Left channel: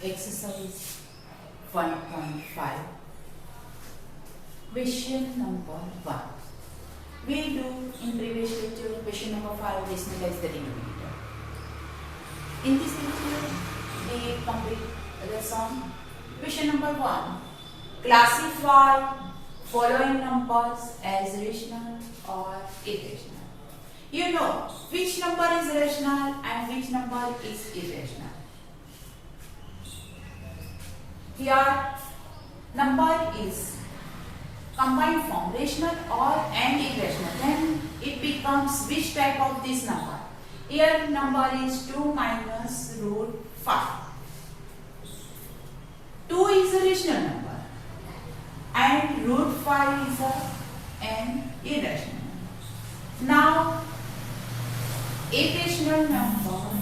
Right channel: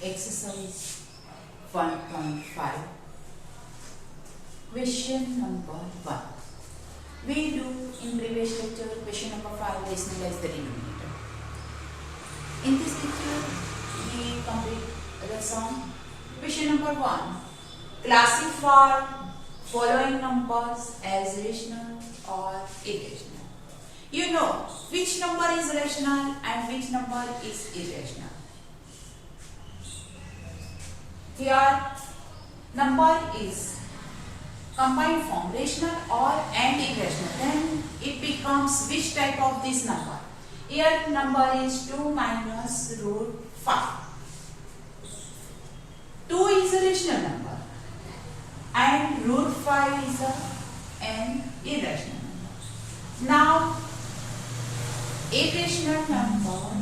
Exercise 1.5. Question number 1. We do in previous lecture question number 5 rationalize the denominator. In this lecture we complete the sum. Question number 1. Classify following numbers as rational or irrational. You know which number is rational and which number is irrational. Here number is combined form, rational or and irrational. Then it becomes which type of this number? Here number is 2 minus root 5. 2 is a rational number and root 5 is an irrational number. Now irrational number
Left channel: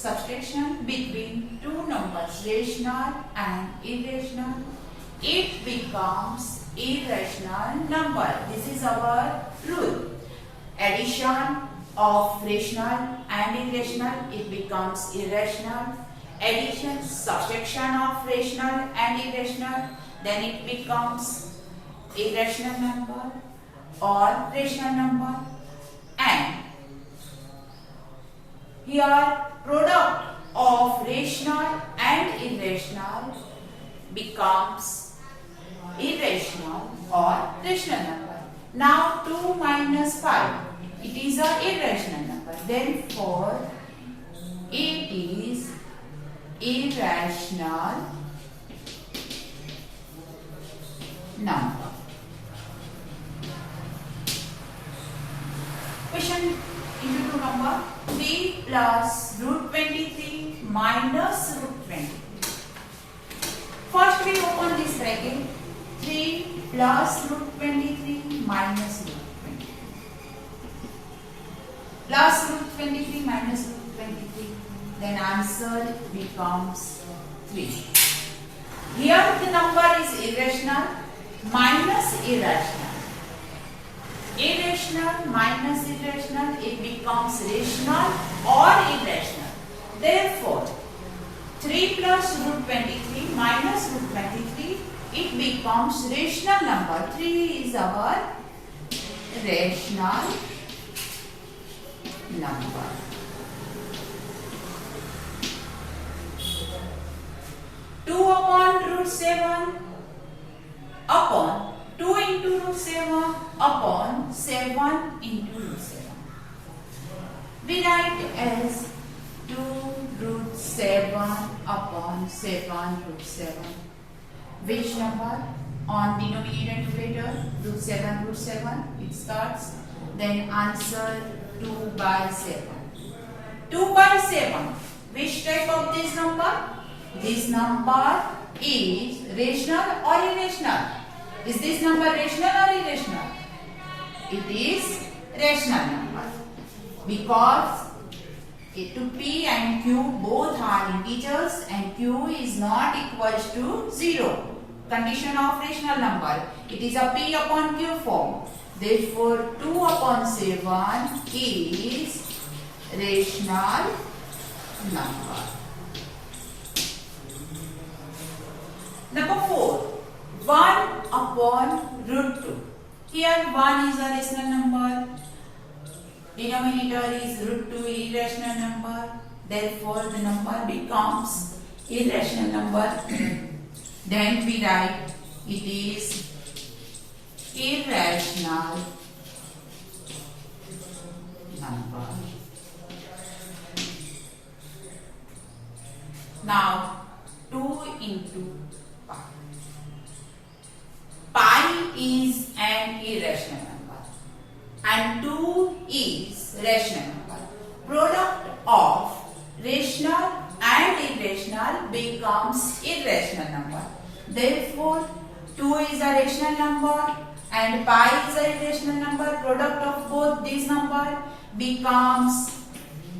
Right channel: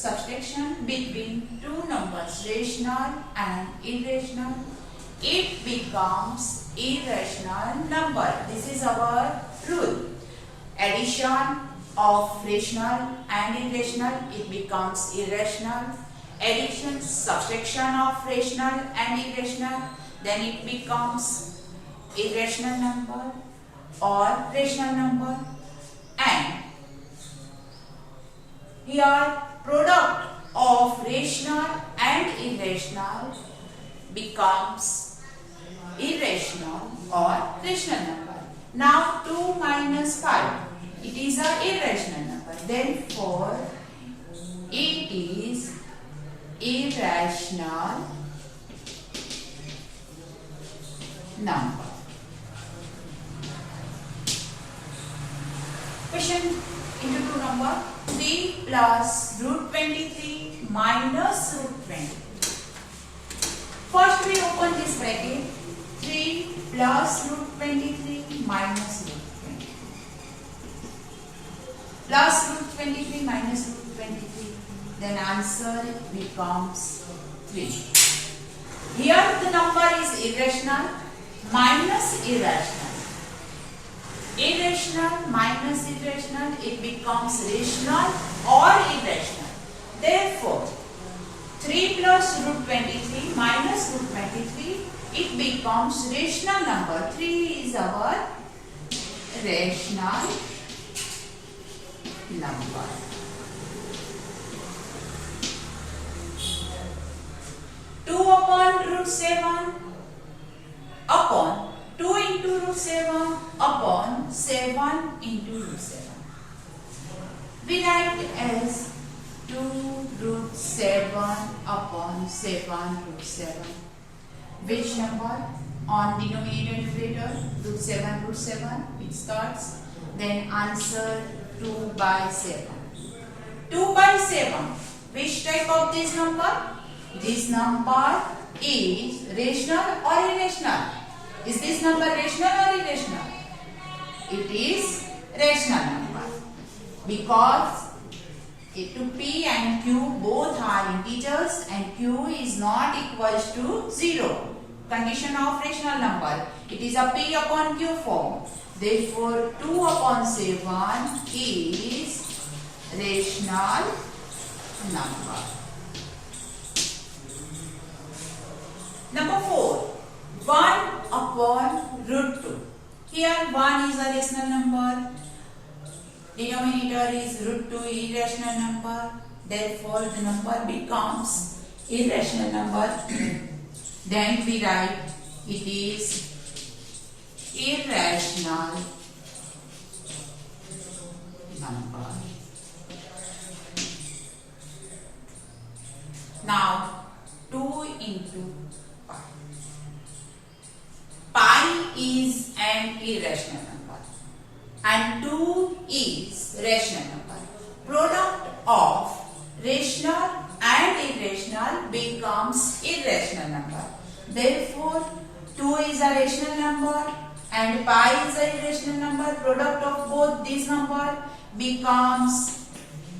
subtraction between two numbers, rational and irrational, it becomes irrational number. This is our rule. Addition of rational and irrational, it becomes irrational. Addition, subtraction of rational and irrational, then it becomes irrational number or rational number. And here product of rational and irrational becomes irrational or rational number. Now 2 minus 5, it is an irrational number. Therefore it is irrational number. Question into two number 3 plus root 23 minus root 23. First we open this bracket, 3 plus root 23 minus root 23. Plus root 23 minus root 23. Then answer becomes 3. Here the number is irrational minus irrational. Irrational minus irrational, it becomes rational or irrational. Therefore 3 plus root 23 minus root 23, it becomes rational number. 3 is our rational number. Two upon root 7 upon 2 into root 7 upon 7 into root 7. We write as 2 root 7 upon 7 root 7. Which number? On denominator and numerator, root 7, it starts. Then answer 2 by 7. 2 by 7. Which type of this number? This number is rational or irrational? Is this number rational or irrational? It is rational number because p and q both are integers and q is not equals to 0. Condition of rational number. It is a p upon q form. Therefore 2 upon 7 is rational number. Number 4. 1 upon root 2. Here 1 is a rational number. Denominator is root 2 irrational number. Therefore the number becomes irrational number. Then we write it is irrational number. Now 2 into pi. Pi is an irrational number and 2 is rational number. Product of rational and irrational becomes irrational number. Therefore 2 is a rational number and pi is a irrational number. Product of both these numbers becomes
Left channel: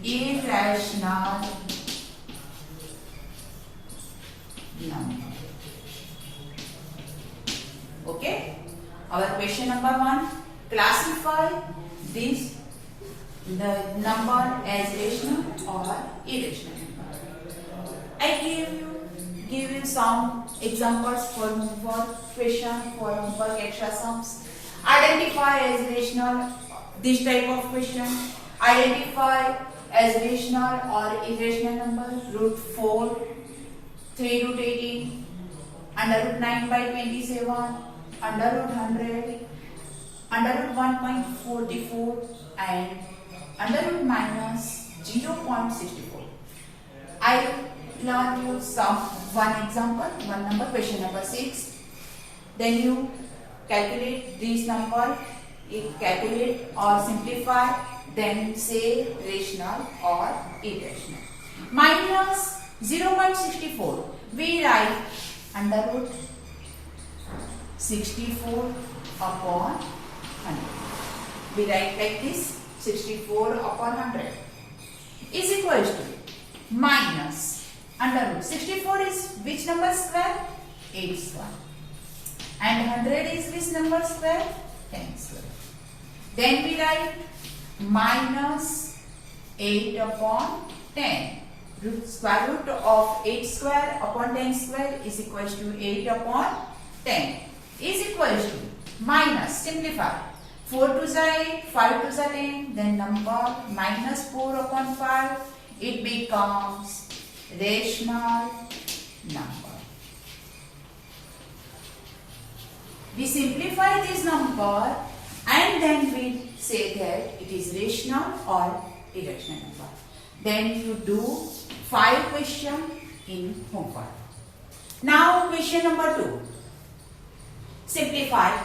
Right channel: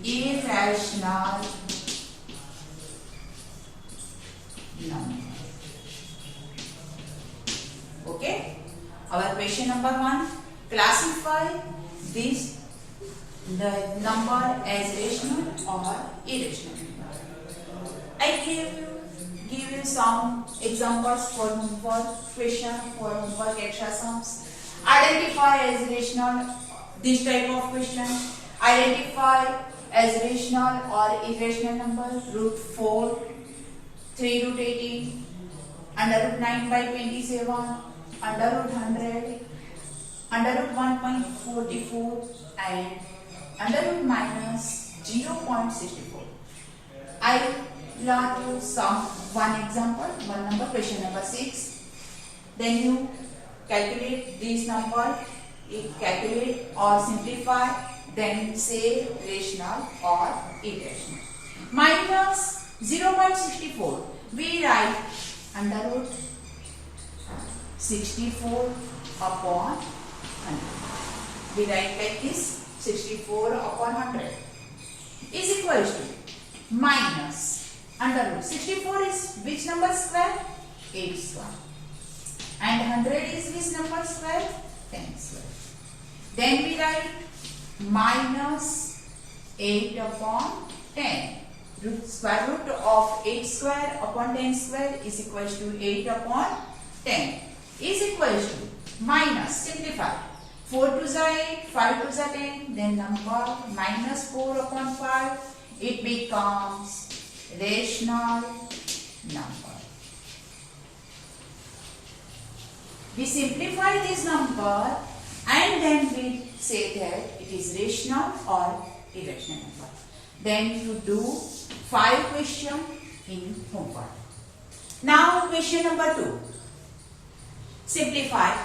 irrational number. Okay. Our question number 1. Classify this the number as rational or irrational number. I give you some examples for homework question, for homework extra sums. Identify as rational this type of question. Identify as rational or irrational number. Root 4, 3 root 18, under root 9 by 27, under root 100, under root 1.44 and under root minus 0.64. I learned you one example, one number, question number 6. Then you calculate this number, calculate or simplify, then say rational or irrational. Minus 0.64, we write under root 64 upon 100. We write like this, 64 upon 100 is equal to minus under root 64 is which number square? 8 square. And 100 is which number square? 10 square. Then we write minus 8 upon 10. Square root of 8 square upon 10 square is equal to 8 upon 10 is equal to minus, simplify, 4 to the 8, 5 to the 10, then number minus 4 upon 5, it becomes rational number. We simplify this number and then we say that it is rational or irrational number. Then you do 5 questions in homework. Now question number 2. Simplify.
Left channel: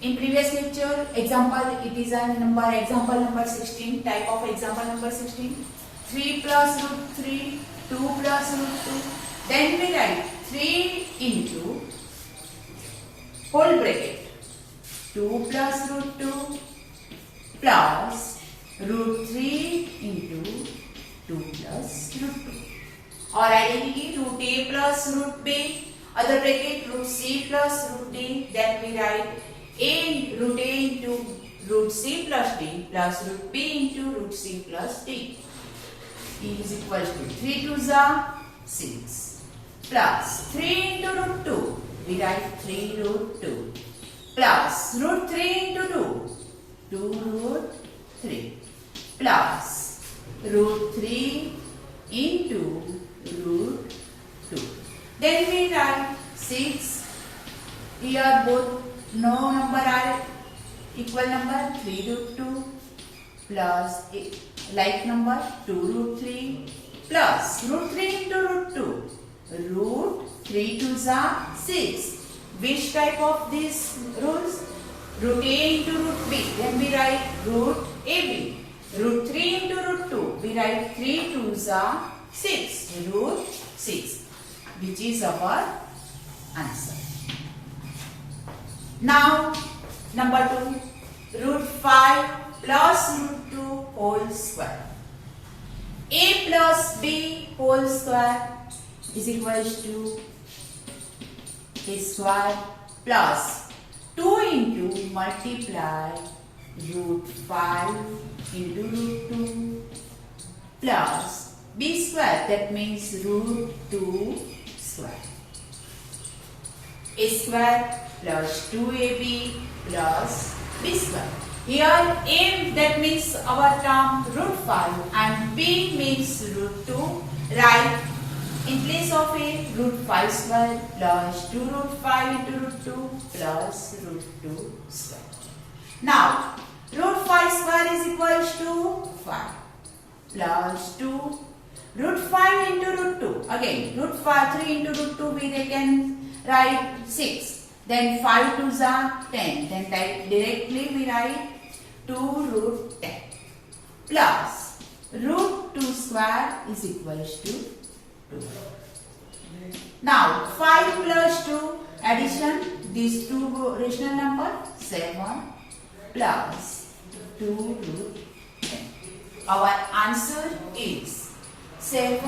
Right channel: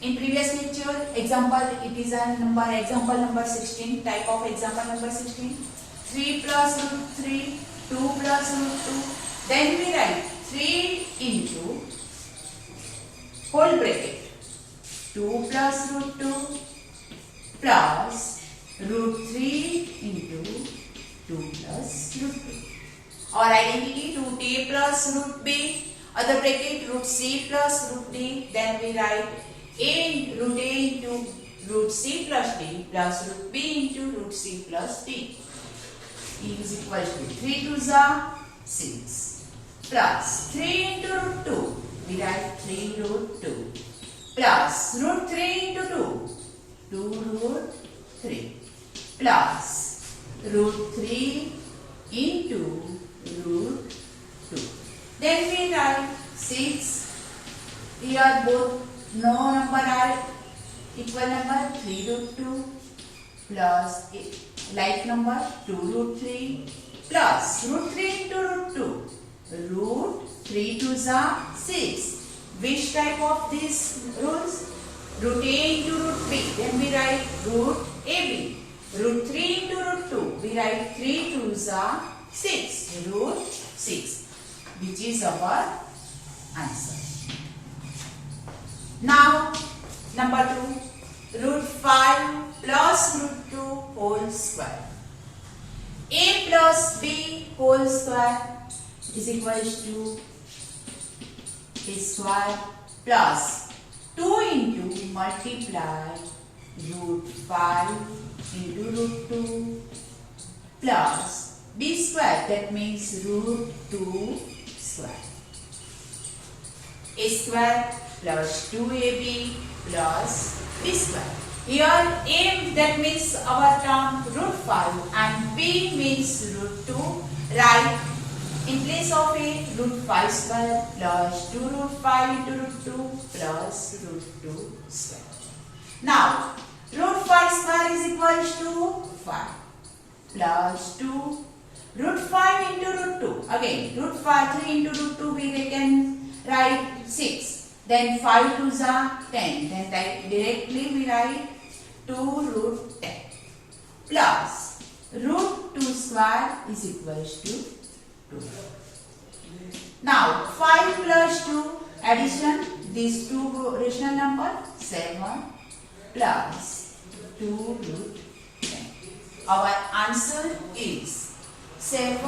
In previous lecture, example, it is a number, example number 16, type of example number 16. 3 plus root 3, 2 plus root 2. Then we write 3 into whole bracket 2 plus root 2 plus root 3 into 2 plus root 2. Or identity root a plus root b, other bracket root c plus root d. Then we write root a into root c plus d plus root b into root c plus d is equal to 3 to the 6 plus 3 into root 2. We write 3 root 2 plus root 3 into 2, 2 root 3 plus root 3 into root 2. Then we write 6. Here both no number are equal number, 3 root 2 plus like number 2 root 3 plus root 3 into root 2, root 3 to the 6. Which type of these rules? Root a into root b. Then we write root ab. Root 3 into root 2. We write 3 to the 6. Root 6. Which is our answer. Now, number 2. Root 5 plus root 2 whole square. A plus b whole square is equal to a square plus 2 into multiply root 5 into root 2 plus b square, that means root 2 square. A square plus 2ab plus b square. Here a, that means our term root 5 and b means root 2. Right, in place of a, root 5 square plus 2 root 5 into root 2 plus root 2 square. Now, root 5 square is equal to 5 plus 2 root 5 into root 2. Again, root 5, 3 into root 2 we can write 6. Then 5 to the 10. Then directly we write 2 root 10 plus root 2 square is equal to 2. Now 5 plus 2 addition, these two rational number 7 plus 2 root 10. Our answer is 7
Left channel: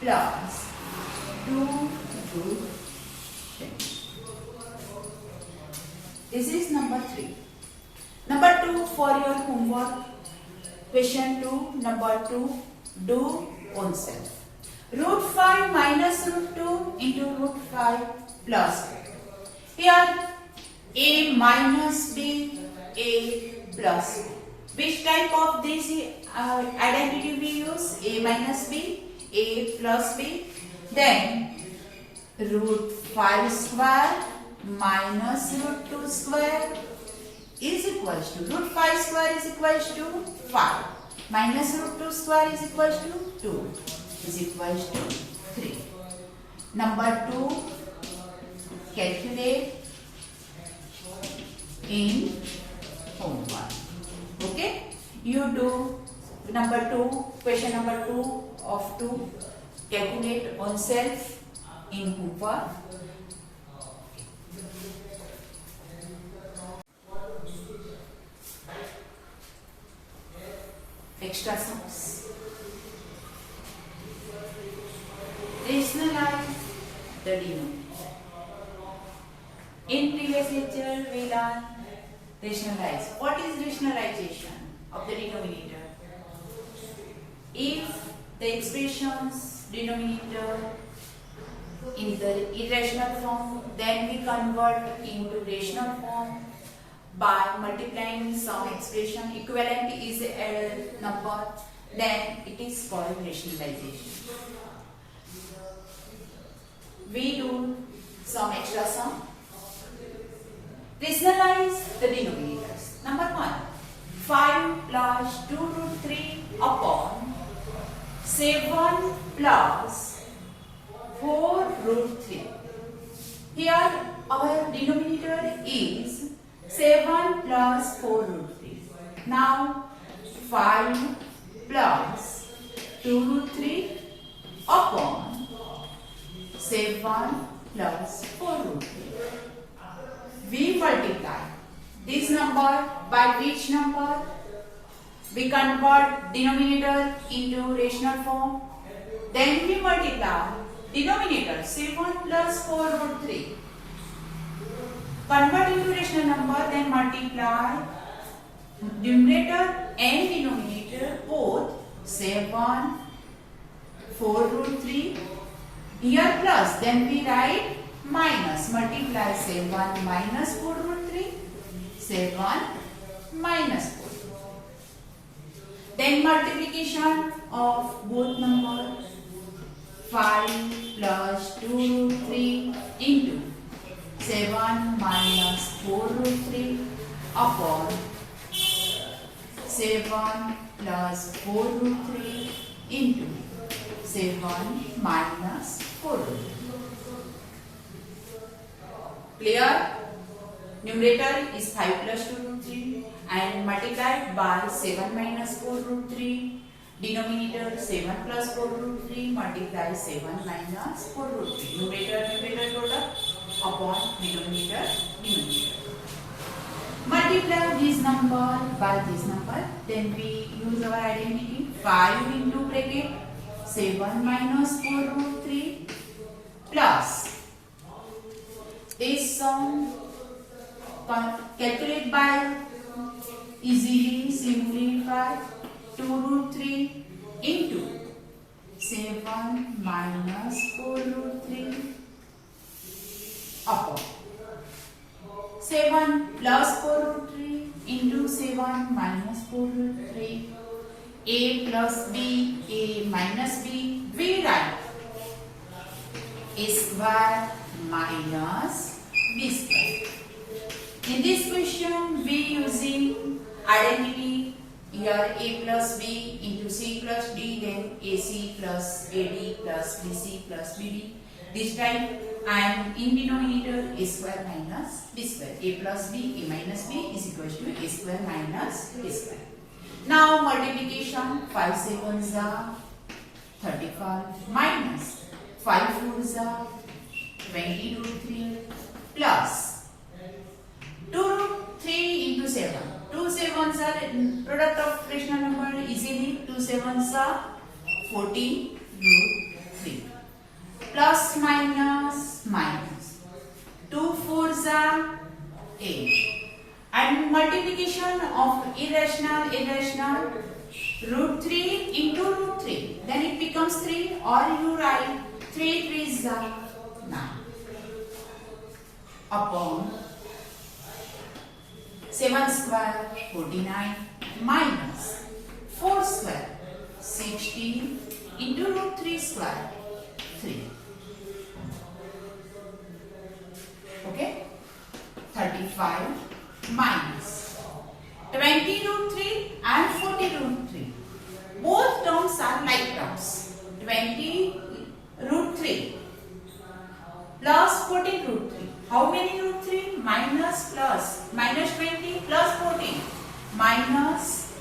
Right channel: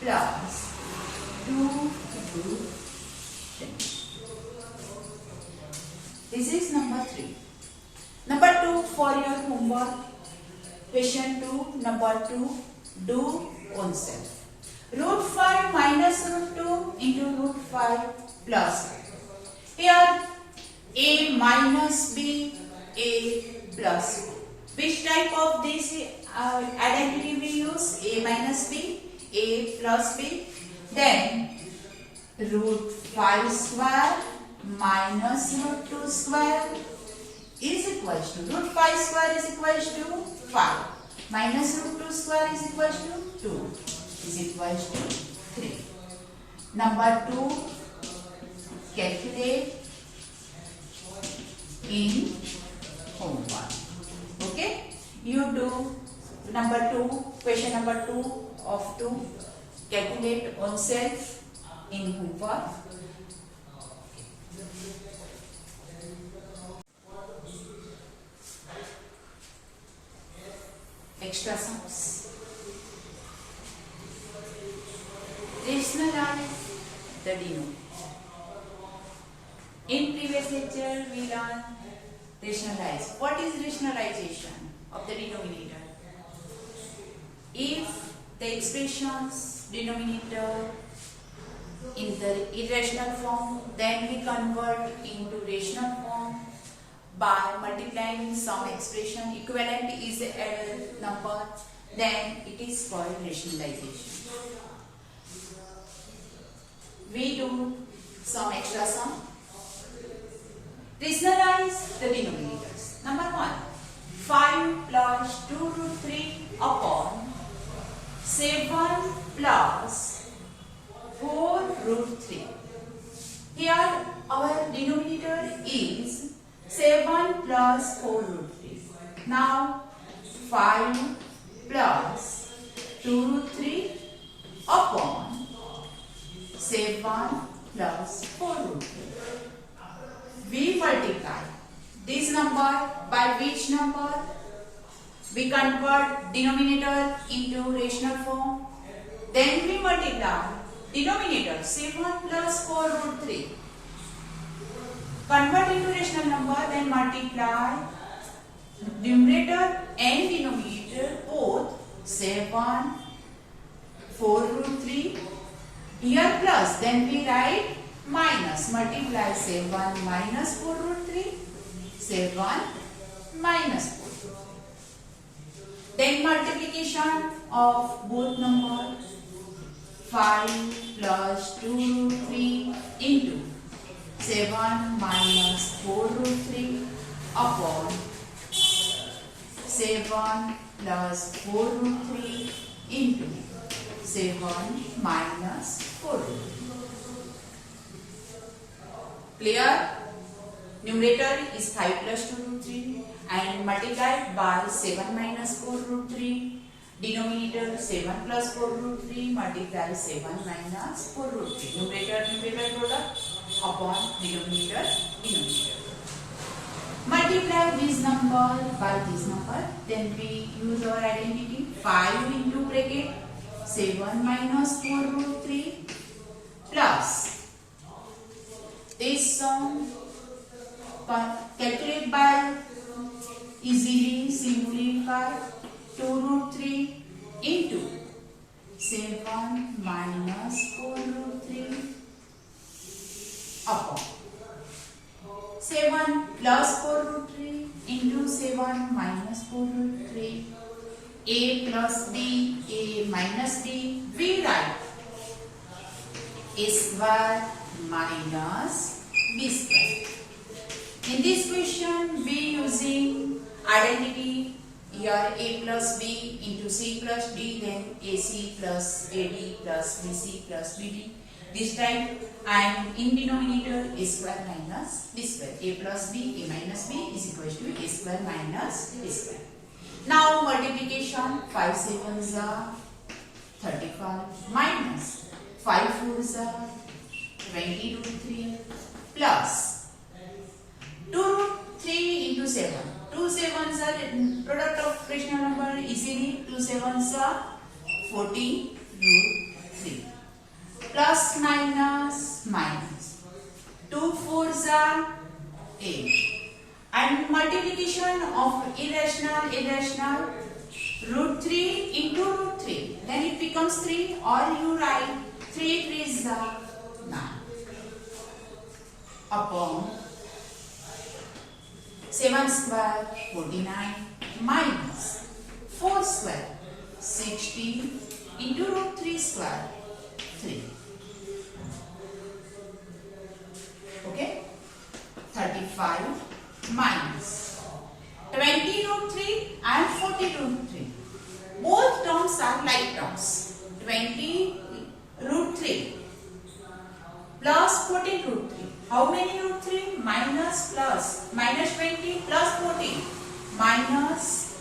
plus 2 root 10. This is number 3. Number 2 for your homework. Question 2, number 2, do own self. Root 5 minus root 2 into root 5 plus. Here a minus b, a plus b. Which type of this identity we use? A minus b, a plus b. Then root 5 square minus root 2 square is equals to root 5 square is equals to 5 minus root 2 square is equals to 2 is equals to 3. Number 2, calculate in homework. Okay, you do number 2, question number 2 of 2, calculate on self in homework. Extra sums. Rationalize the denominator. In previous lecture, we learned rationalize. What is rationalization of the denominator? If the expressions denominator in the irrational form, then we convert into rational form by multiplying some expression. Equivalent is a number, then it is called rationalization. We do some extra sum. Rationalize the denominators. Number 1, 5 plus 2 root 3 upon 7 plus 4 root 3. Here our denominator is 7 plus 4 root 3. Now 5 plus 2 root 3 upon 7 plus 4 root 3. We multiply this number by which number? We convert denominator into rational form. Then we multiply denominator 7 plus 4 root 3. Convert into rational number, then multiply numerator and denominator both 7 4 root 3. Here plus, then we write minus, multiply 7 minus 4 root 3, 7 minus 4. Then multiplication of both numbers, 5 plus 2 root 3 into 7 minus 4 root 3 upon 7 plus 4 root 3 into 7 minus 4 root 3. Clear? Numerator is 5 plus 2 root 3 and multiplied by 7 minus 4 root 3. Denominator 7 plus 4 root 3 multiply 7 minus 4 root 3. Numerator product upon denominator. Multiply this number by this number. Then we use our identity. 5 into bracket 7 minus 4 root 3 plus this sum calculate by easily simplify 2 root 3 into 7 minus 4 root 3 upon 7 plus 4 root 3 into 7 minus 4 root 3. A plus b, a minus b, we write a square minus b square. In this question, we using identity here a plus b into c plus d, then ac plus ad plus bc plus bd. This time, and in denominator a square minus b square. A plus b, a minus b is equal to a square minus b square. Now multiplication 5 7s are 35 minus 5 4s are 20 root 3 plus 2 root 3 into 7. 2 7s are product of rational number easily. 2 7s are 40 root 3 plus minus minus 2 4s are 8. And multiplication of irrational root 3 into root 3. Then it becomes 3, or you write 3 3s 9 upon 7 square 49 minus 4 square 16 into root 3 square 3. Okay? 35 minus 20 root 3 and 40 root 3. Both terms are like terms. 20 root 3 plus 14 root 3. How many root 3? Minus plus. Minus 20 plus 14. Minus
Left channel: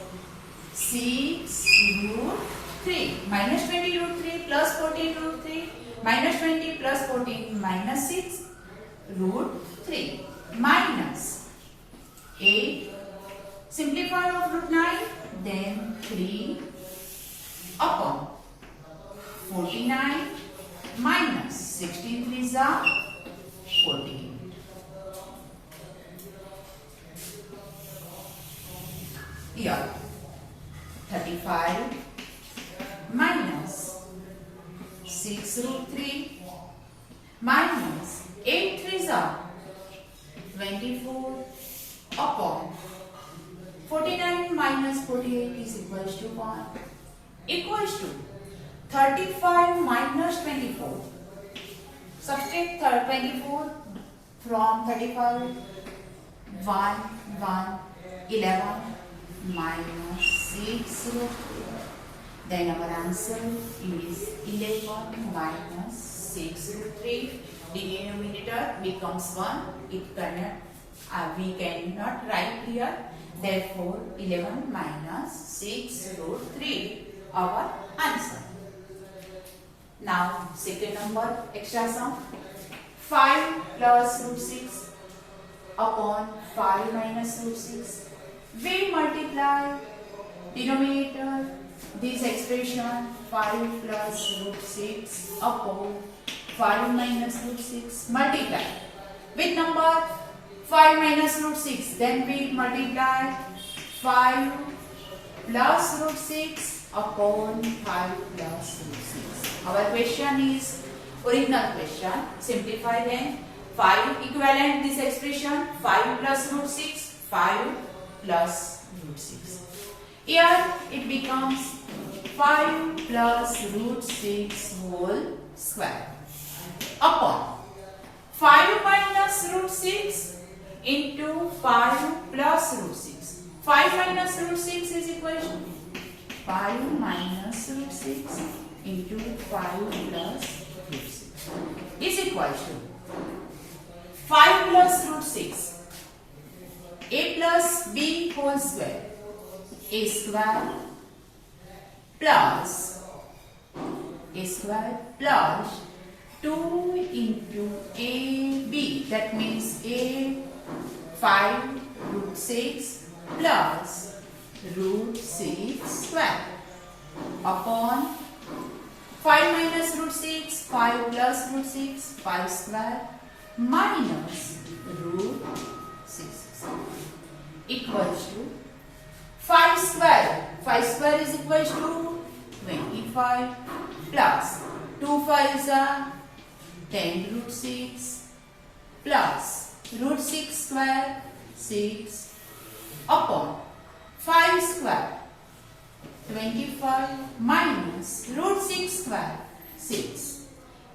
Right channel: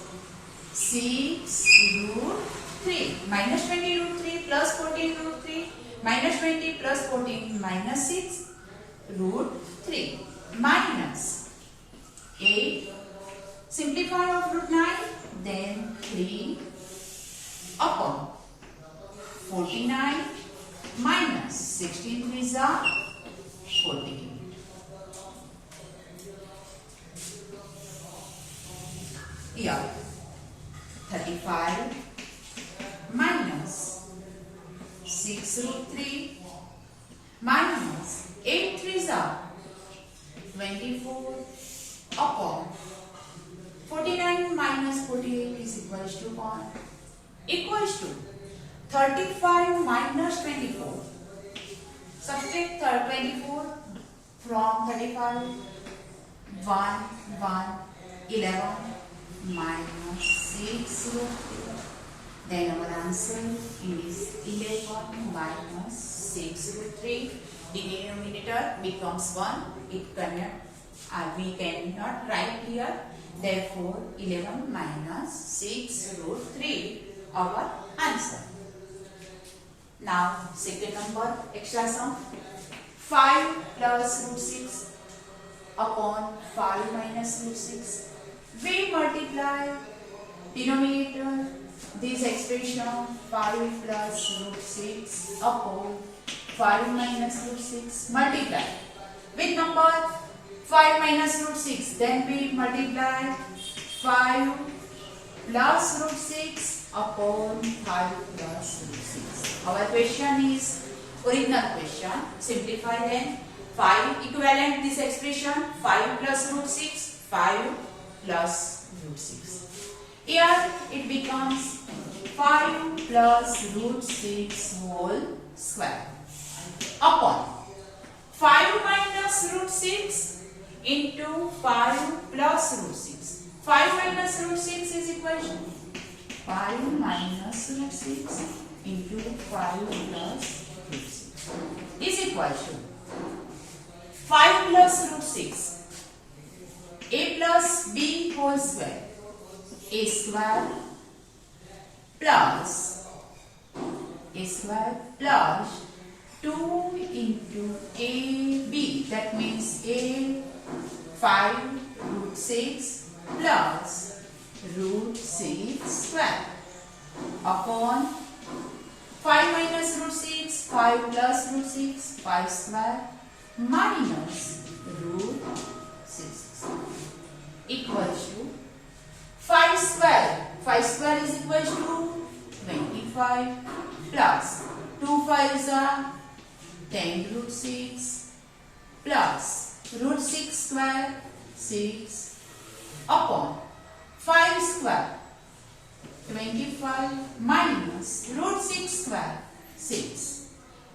6 root 3. Minus 20 root 3 plus 14 root 3. Minus 20 plus 14 minus 6 root 3. Minus 8. Simplify of root 9. Then 3 upon 49 minus 16 3s are 48. Here 35 minus 6 root 3 minus 8 3s are 24 upon 49 minus 48 is equals to 1. Equals to 35 minus 24. Subtract 24 from 35. 1, 1, 11 minus 6 root 3. Then our answer is 11 minus 6 root 3. The denominator becomes 1. We cannot write here. Therefore, 11 minus 6 root 3 our answer. Now, second number extra sum. 5 plus root 6 upon 5 minus root 6. We multiply denominator this expression 5 plus root 6 upon 5 minus root 6. Multiply with number 5 minus root 6. Then we multiply 5 plus root 6 upon 5 plus root 6. Our question is original question. Simplify then. 5 equivalent this expression 5 plus root 6, 5 plus root 6. Here it becomes 5 plus root 6 whole square upon 5 minus root 6 into 5 plus root 6. 5 minus root 6 is equal to 5 minus root 6 into 5 plus root 6 is equal to 5 plus root 6 a plus b whole square a square plus 2 into ab, that means a 5 root 6 plus root 6 square upon 5 minus root 6, 5 plus root 6, 5 square minus root 6 equals to 5 square. 5 square is equal to 25 plus 2 5s are 10 root 6 plus root 6 square 6 upon 5 square 25 minus root 6 square 6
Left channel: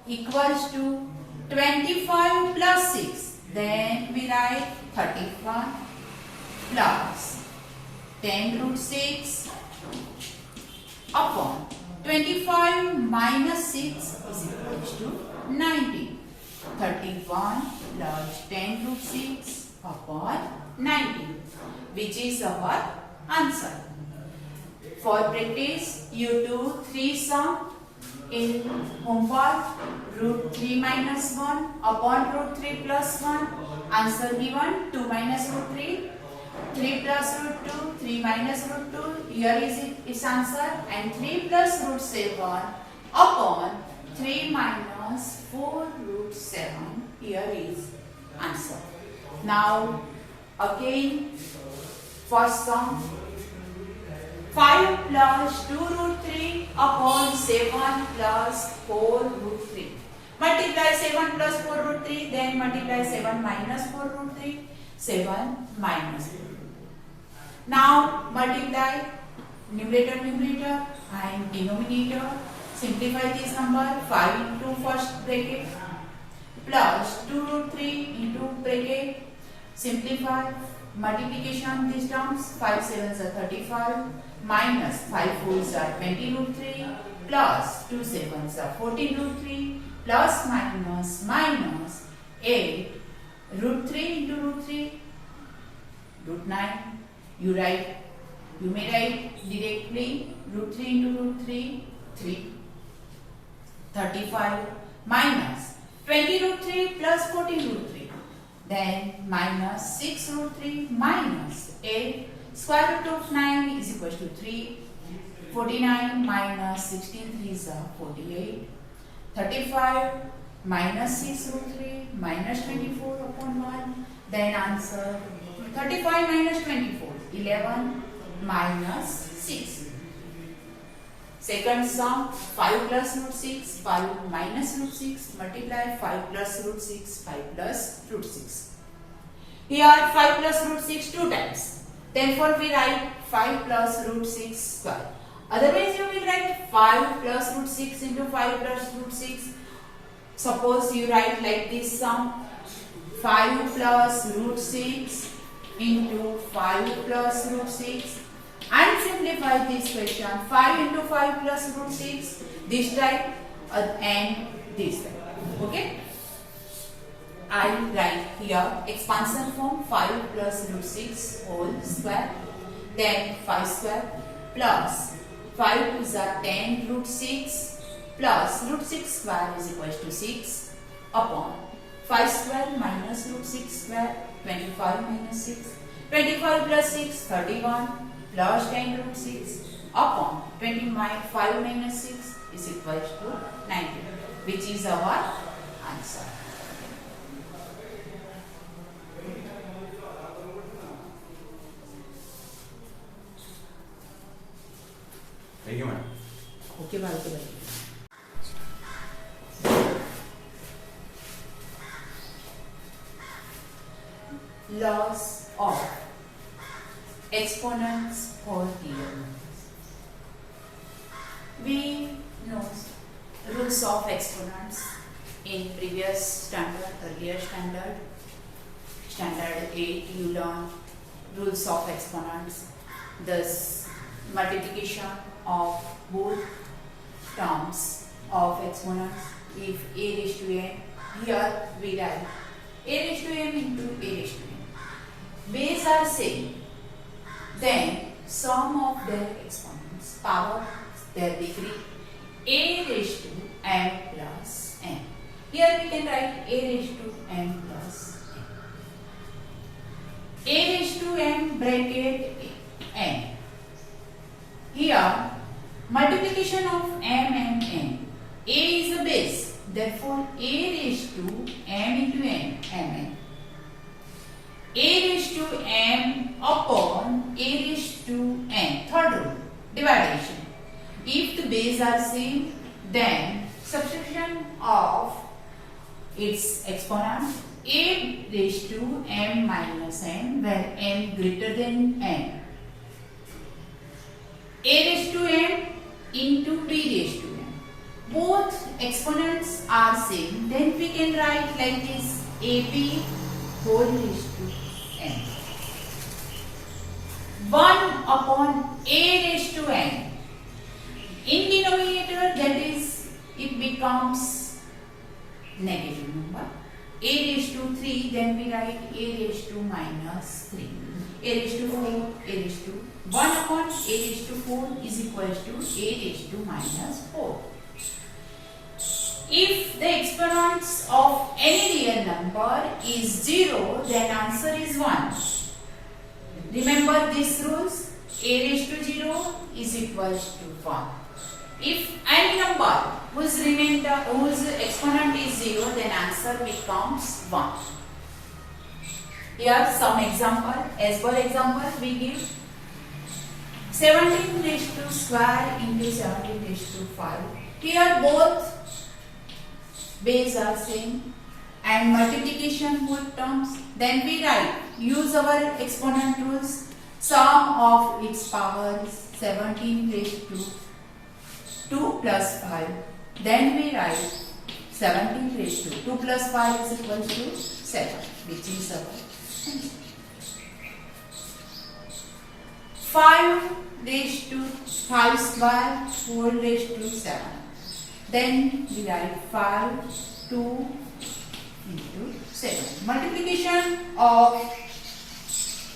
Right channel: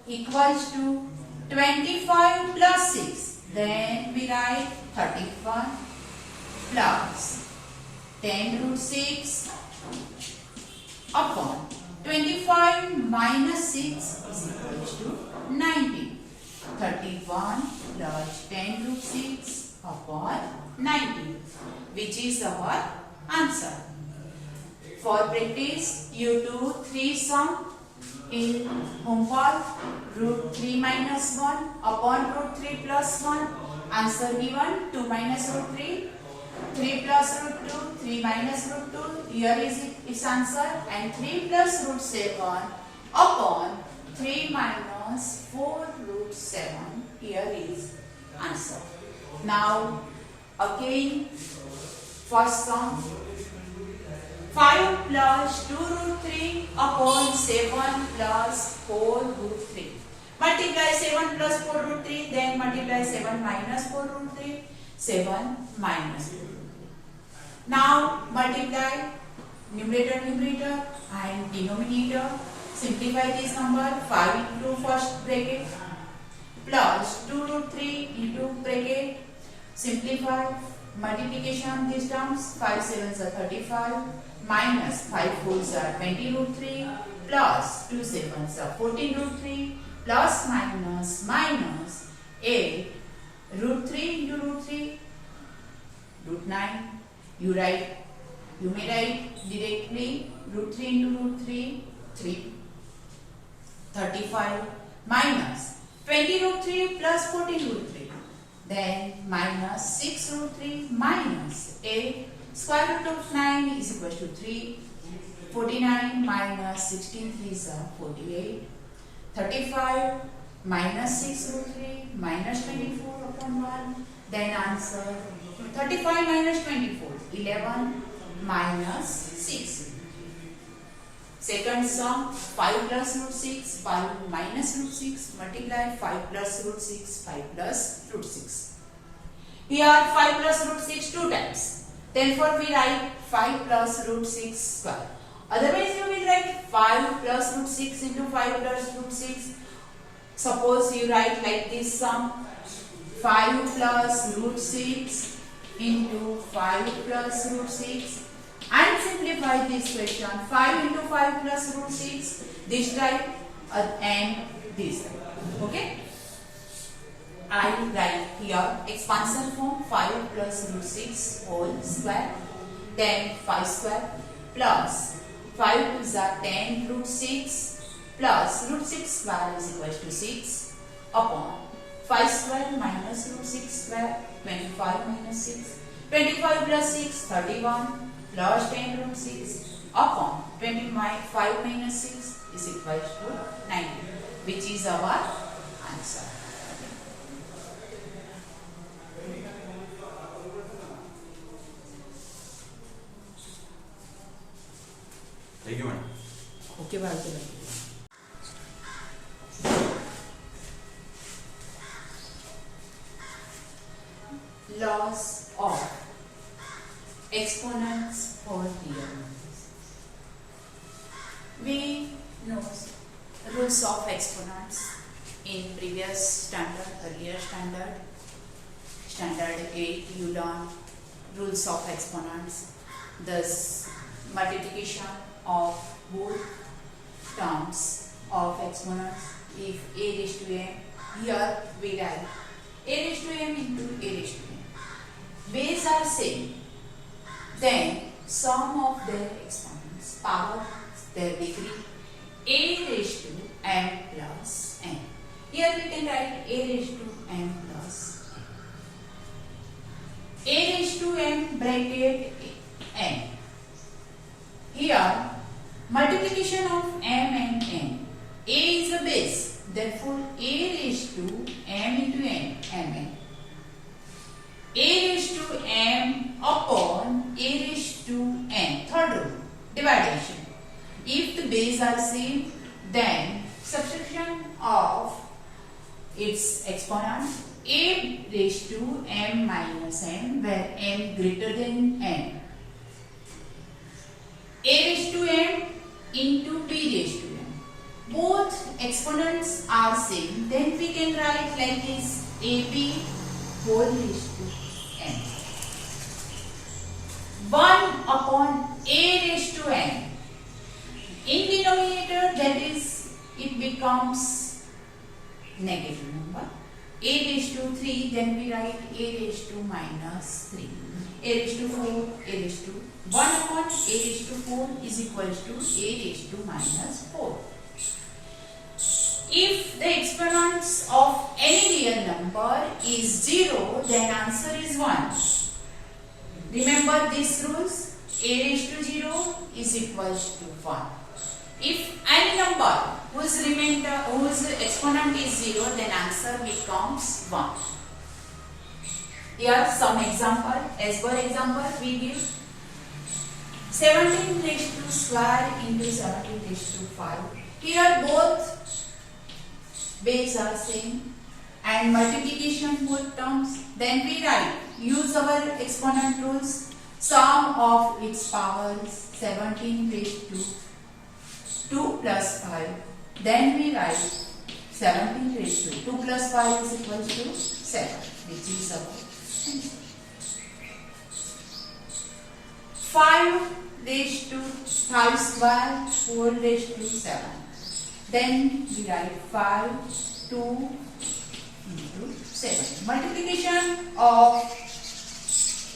equals to 25 plus 6. Then we write 35 plus 10 root 6 upon 25 minus 6 is equals to 90. 31 plus 10 root 6 upon 90, which is our answer. For practice, you do 3 sum in homework. Root 3 minus 1 upon root 3 plus 1. Answer given 2 minus root 3. 3 plus root 2, 3 minus root 2. Here is its answer. And 3 plus root 7 upon 3 minus 4 root 7. Here is answer. Now Again, first sum. 5 plus 2 root 3 upon 7 plus 4 root 3. Multiply 7 plus 4 root 3, then multiply 7 minus 4 root 3, 7 minus 4 root 3. Now multiply numerator and denominator. Simplify this number. 5 into first bracket plus 2 root 3 into bracket. Simplify. Multiplication these terms. 5 sevens are 35 minus 5 fours are 20 root 3 plus 2 sevens are 14 root 3 plus minus 8 root 3 into root 3 root 9. You may write directly root 3 into root 3 3. 35 minus 20 root 3 plus 14 root 3. Then minus 6 root 3 minus 8. Square root of 9 is equal to 3. 49 minus 16 3s are 48. 35 minus 6 root 3 minus 24 upon 1. Then answer 35 minus 24 11 minus 6. Second sum, 5 plus root 6, 5 minus root 6, multiply 5 plus root 6, 5 plus root 6. Here 5 plus root 6 two times. Therefore we write 5 plus root 6 square. Otherwise you will write 5 plus root 6 into 5 plus root 6. Suppose you write like this sum, 5 plus root 6 into 5 plus root 6. And simplify this question. 5 into 5 plus root 6 this type and this type. Okay. I write here expansion form 5 plus root 6 whole square. Then 5 square plus 5 is 10 root 6 plus root 6 square is equal to 6 upon 5 square minus root 6 square 25 minus 6. 25 plus 6 31. Plus 10 root 6 upon 25 minus 6 is equal to 90, which is our answer. Thank you, madam. Okay, bye. Laws of exponents for real numbers. We know rules of exponents in previous standard, earlier standard, standard 8 you learn rules of exponents, thus multiplication of both terms of exponents. If a raised to n, here we write a raised to m into a raised to n. Base are same. Then sum of their exponents, power, their degree, a raised to m plus n. Here we can write a raised to m plus n. A raised to m bracket n. Here multiplication of m and n. A is a base, therefore a raised to m into n, mn. A raised to m upon a raised to n. Third rule, division. If the base are same, then subtraction of its exponent a raised to m minus n, where n greater than n. A raised to m into b raised to m. Both exponents are same, then we can write like this: ab whole raised to n. 1 upon a raised to n. In denominator, that is, it becomes negative number. A raised to 3, then we write a raised to minus 3. A raised to 4, a raised to 1 upon a raised to 4 is equal to a raised to minus 4. If the exponents of any real number is 0, then answer is 1. Remember these rules. A raised to 0 is equal to 1. If any number whose exponent is 0, then answer becomes 1. Here some example. As per example, we give 17 raised to square into 17 raised to 5. Here both base are same and multiplication both terms. Then we write, use our exponent rules. Sum of its powers 17 raised to 2 plus 5. Then we write 17 raised to 2 plus 5 is equal to 7, which is our answer. 5 raised to 5 square, 4 raised to 7. Then we write 5, 2 into 7. Multiplication of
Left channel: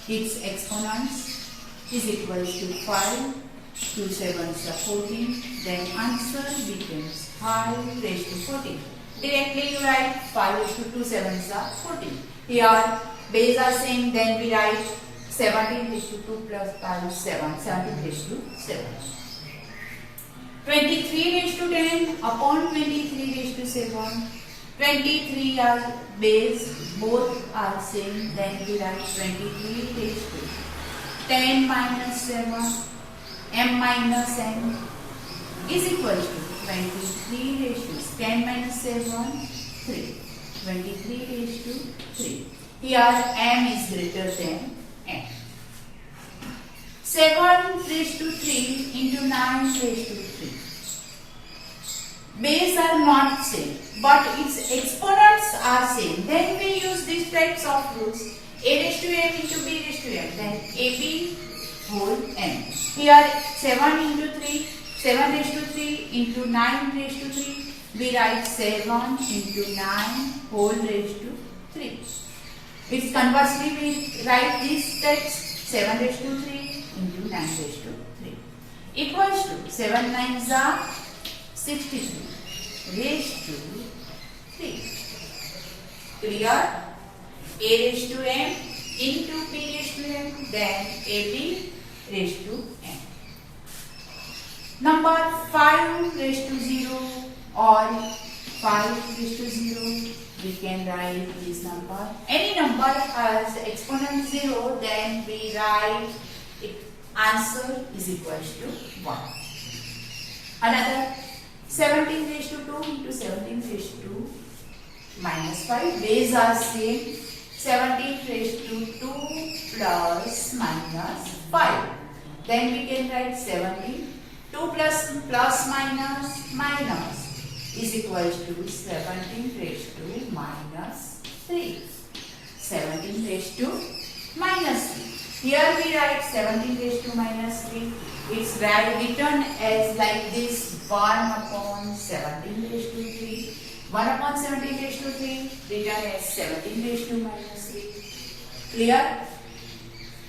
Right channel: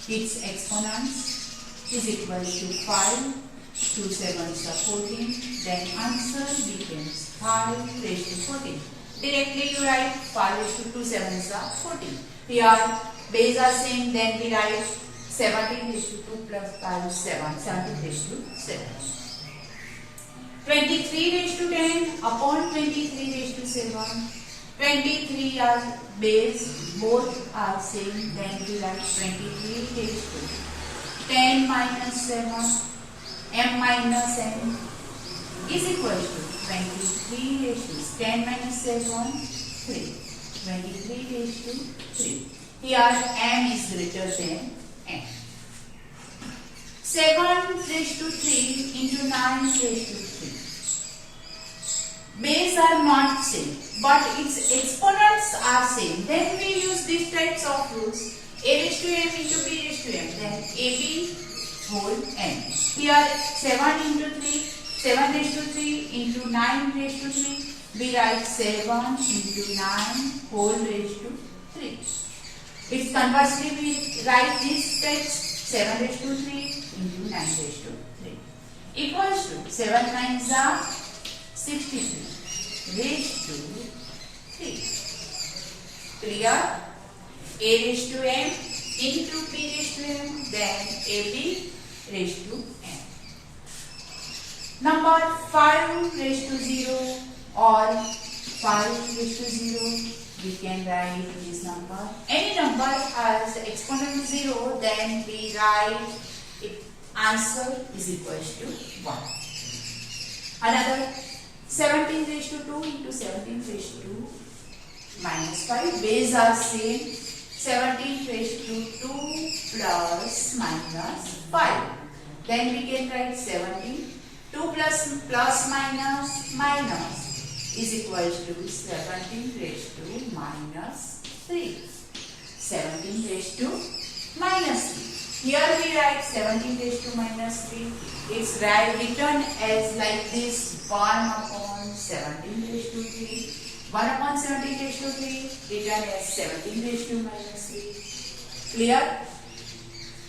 its exponents is equal to 5, 2 7s are 14. Then answer becomes 5 raised to 14. Directly you write 5 raised to 2 7s are 14. Here base are same, then we write 17 raised to 2 plus 5 is 7. 17 raised to 7. 23 raised to 10 upon 23 raised to 7. 23 are base, both are same, then we write 23 raised to 10 minus 7, m minus n is equal to 23 raised to 10 minus 7, 3. 23 raised to 3. Here m is greater than n. 7 raised to 3 into 9 raised to 3. Base are not same, but its exponents are same. Then we use these types of rules. A raised to m into b raised to m. Then ab whole n. Here 7 into 3, 7 raised to 3 into 9 raised to 3. We write 7 into 9 whole raised to 3. It's conversely we write this text 7 raised to 3 into 9 raised to 3 equals to 7 9s are 63 raised to 3. Clear? A raised to m into b raised to m, then ab raised to n. Number 5 raised to 0 or 5 raised to 0, we can write this number. Any number has exponent 0, then we write answer is equal to 1. Another 17 raised to 2 into 17 raised to minus 5. Base are same. 17 raised to 2 plus minus 5. Then we can write 17. 2 plus minus is equal to 17 raised to minus 3. 17 raised to minus 3. Here we write 17 raised to minus 3. It's written as like this 1 upon 17 raised to 3. 1 upon 17 raised to 3 written as 17 raised to minus 3. Clear?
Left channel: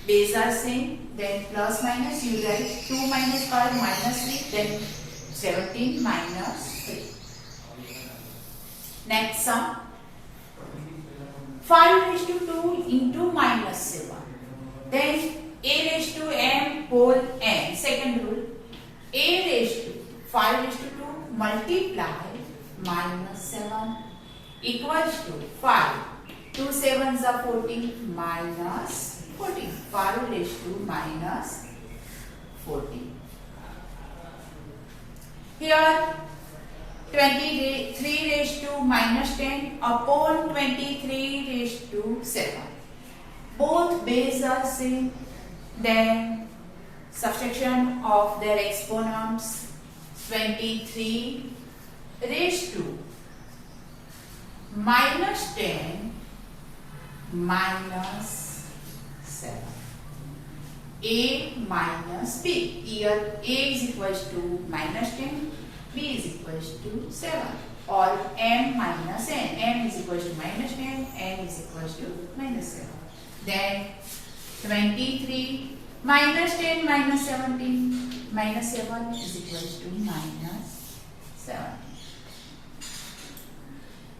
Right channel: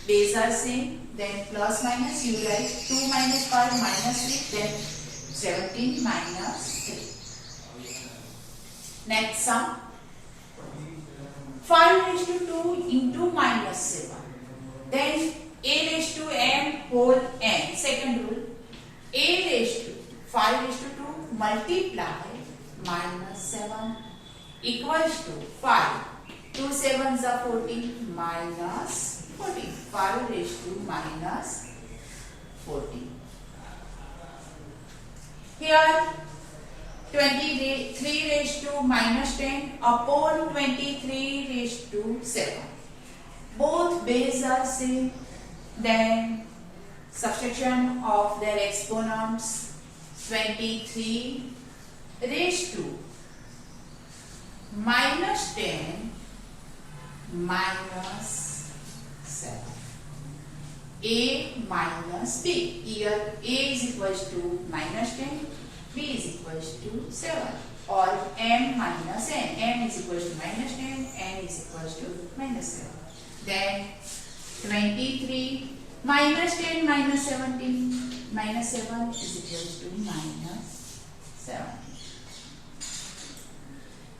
Base are same. Then plus minus you write 2 minus 5 minus 3. Then 17 minus 3. Next sum. 5 raised to 2 into minus 7. Then a raised to m whole n. Second rule. A raised to 5 raised to 2 multiply minus 7 equals to 5. 2 7s are 14 minus 14. 5 raised to minus 14. Here 23 raised to minus 10 upon 23 raised to 7. Both base are same. Then subtraction of their exponents. 23 raised to minus 10 minus 7. A minus B. Here A is equals to minus 10, B is equals to 7. Or M minus N. M is equals to minus 10, N is equals to minus 7. Then 23 minus 10 minus 17 minus 7 is equals to minus 7.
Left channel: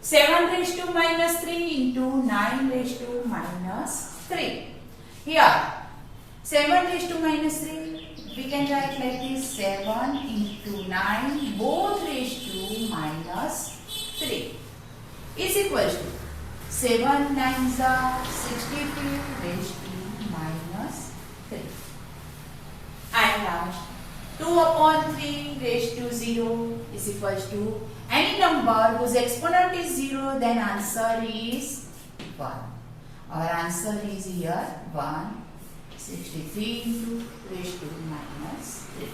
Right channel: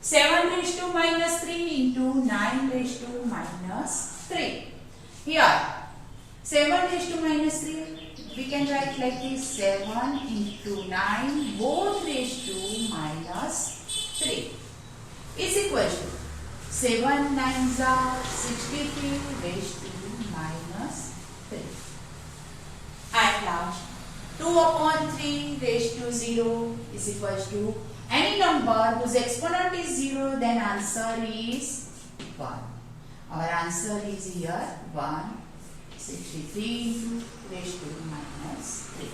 7 raised to minus 3 into 9 raised to minus 3. Here 7 raised to minus 3 we can write like this 7 into 9 both raised to minus 3 is equals to 7 9s are 63 raised to minus 3. And last, 2 upon 3 raised to 0 is equals to any number whose exponent is 0, then answer is 1. Our answer is here 1, 63 into raised to minus 3.